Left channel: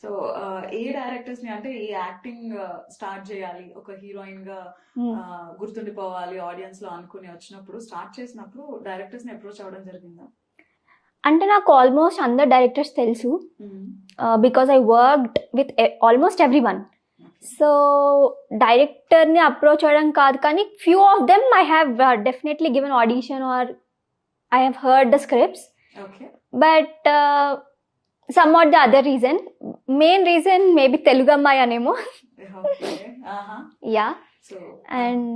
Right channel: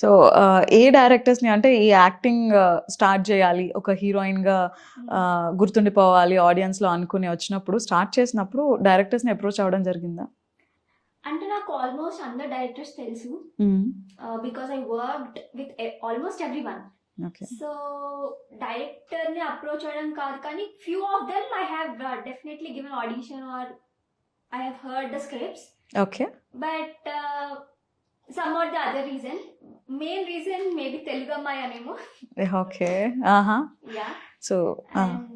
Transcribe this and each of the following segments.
సో ఏ డైరెక్టర్స్‌ని అంటే ఈ యాక్టింగ్ స్టార్ట్ చేయాలి. ఒక హీరోయిన్‌గా హ్మ్. గుర్తుండిపోవాలి ఆడియన్స్‌లో అనుకుని వచ్చినప్పుడు స్టార్ట్ చేసినప్పుడు డైరెక్టర్స్‌ని అప్రోచ్ అవ్వడం జరిగిందా? అంటే నాకు ఆల్మోస్ట్ అందరు డైరెక్టర్స్ తెలుసు. Hmm. Because I worked with almost everyone. Okay. So డైరెక్టర్ని అప్రోచ్ అవ్వడం కాదు, కానీ few of them I have definitely given audition or I have heard the scripts. Okay. But some what the other reason, main reason maybe Telugu అమ్మాయి అనేమో. Okay. ఆహా! Yeah. So and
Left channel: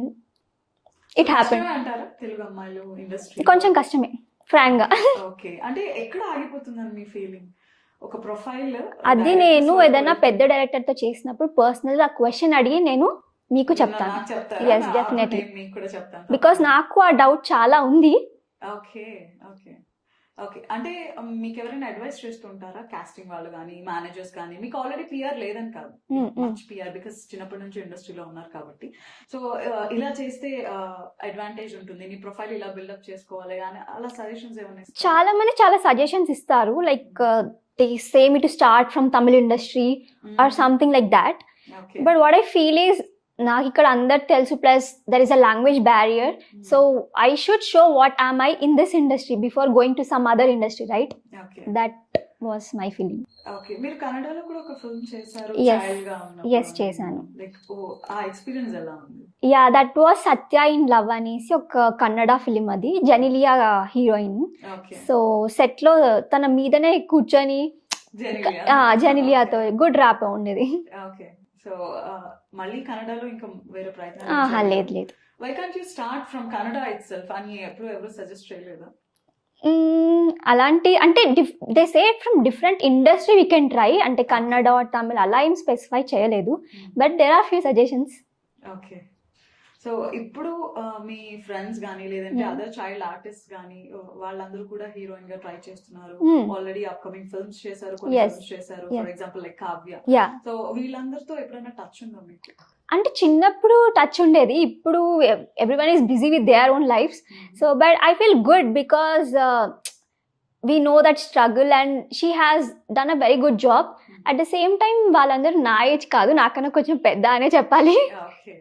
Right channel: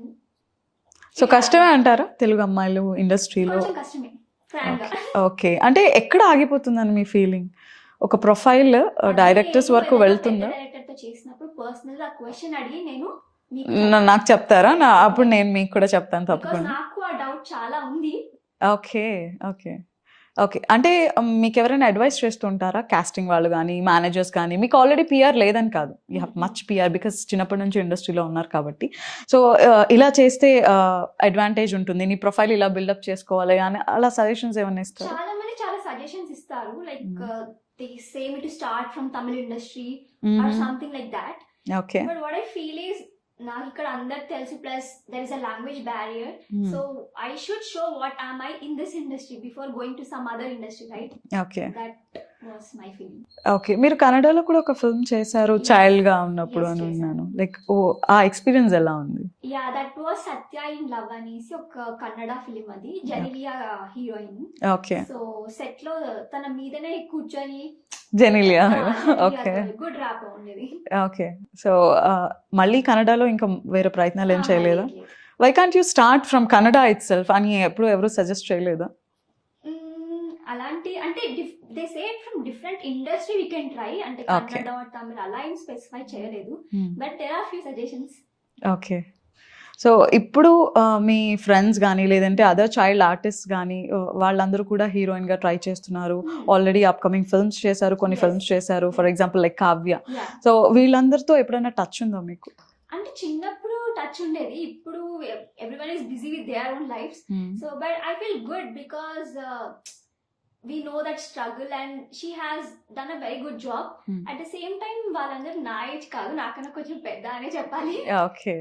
so కష్టమే అంటారా తెలుగు అమ్మాయిలు ఇండస్ట్రీలో? కొంచెం కష్టమే ఫ్రాంక్ గా. ఓకే. అంటే ఎక్కడ ఆగిపోతుందని మీ ఫీలింగ్? ఒక ప్రొఫైల్ అది డైరెక్టర్స్ నేను వరకు ఏదైనా పెద్ద వెళ్తుందా? డైరెక్టర్ తో చేసినప్పుడు పర్సనల్ గా క్వశ్చన్ అడిగి నేను మీకు నాకు చెప్తారా? Yes, అప్పుడు definitely. నేను మీకు కూడా చెప్తాను బికాస్ తప్పకుండా. నాకు ఆ డౌట్ చాలా ఉంది. ఓకే. ఓకే. ఓకే. అంటే మీకెవరైనా అడ్వైస్ చేస్తుంటారా? కాస్టింగ్ వాళ్ళు గానీ, మేనేజర్స్ కానీ మీకు ఆల్రెడీ పీఆర్ లేదని కాదు. You have much PR because చిన్నప్పటి నుంచి ఇండస్ట్రీలో ఉన్నారు కాబట్టి. సో ఇలా చేస్తే అడ్వాంటేజ్ ఉంటుంది. నీ ప్రొఫైల్ ఇలా బిల్డప్ చేసుకోవాలి అని అలా సజెషన్స్ ఏమన్నా ఇస్తారా? చాలా మంది చాలా సజెషన్స్ ఇస్తారు. Like they say me to start from Tamil industry or something like that. Okay. But what I feel is, నాకు ఇక్కడ అందరు తెలుసు, plus there is a language barrier. So I should show what am I in this industry before going to some other industry, right? Okay. That was my feeling. Okay. మీరు కన్నడలో కూడా ఒక ఫిల్మ్ చేశారు Yes. Child గా ఉన్నప్పుడు. Yes, చేశాను. లైక్ ఆ experience ఎలా ఉంది? Yeah, that was Satya in love అనేసి ఒక కన్నడ ఫిలిం. అది Genelia heroine. Okay. So set లో తన మీదనే కూర్చొని జెనిలియా. జెనిలియాతో గుడ్ ర్యాప్ ఉండేది. ఓకే. సో మళ్ళీ కన్నడలో ఇంకా వేరే ప్రయత్నాలు ఏం చేయలేదా? లేదు లేదు. Why can't you start from Kannada itself అని ఎప్పుడు ఎవరు సజెస్ట్ చేయలేదా? అలాంటి అంటే they say from different industry we can try. అంటే Okay. కన్నడ ఆర్ తమిళ్ అలా ఏం స్పెసిఫై చేయలేదు. But there are few suggestions. Okay. So ఇప్పుడు మీ ఫ్రెండ్స్ గానీ లేదంటే అదర్ చైల్డ్ ఆర్టిస్ట్ గానీ వాళ్ళందరూ కూడా హీరోయిన్ గా ట్రై చేస్తున్నారు. ఆల్రెడీ అప్కమింగ్ ఫిల్మ్స్ చేశారు, కొన్ని Yes. ఫిల్మ్స్ చేశారు. For Yeah. Example like Kavya. Yeah. So వీళ్ళందరితో ఎప్పుడైనా టచ్ ఉందా మీకు? అంటే చిన్నప్పుడు టచ్ ఉండేది. ఇప్పుడు everyone is busy with their own lifes. So but I feel good because we know that struggle and she has done a very good job. At the same time వాళ్ళందరూ నా ఏజ్ కాదు, నాకన్నా కొంచెం పెద్ద అనే చెప్పాలి. ఓకే.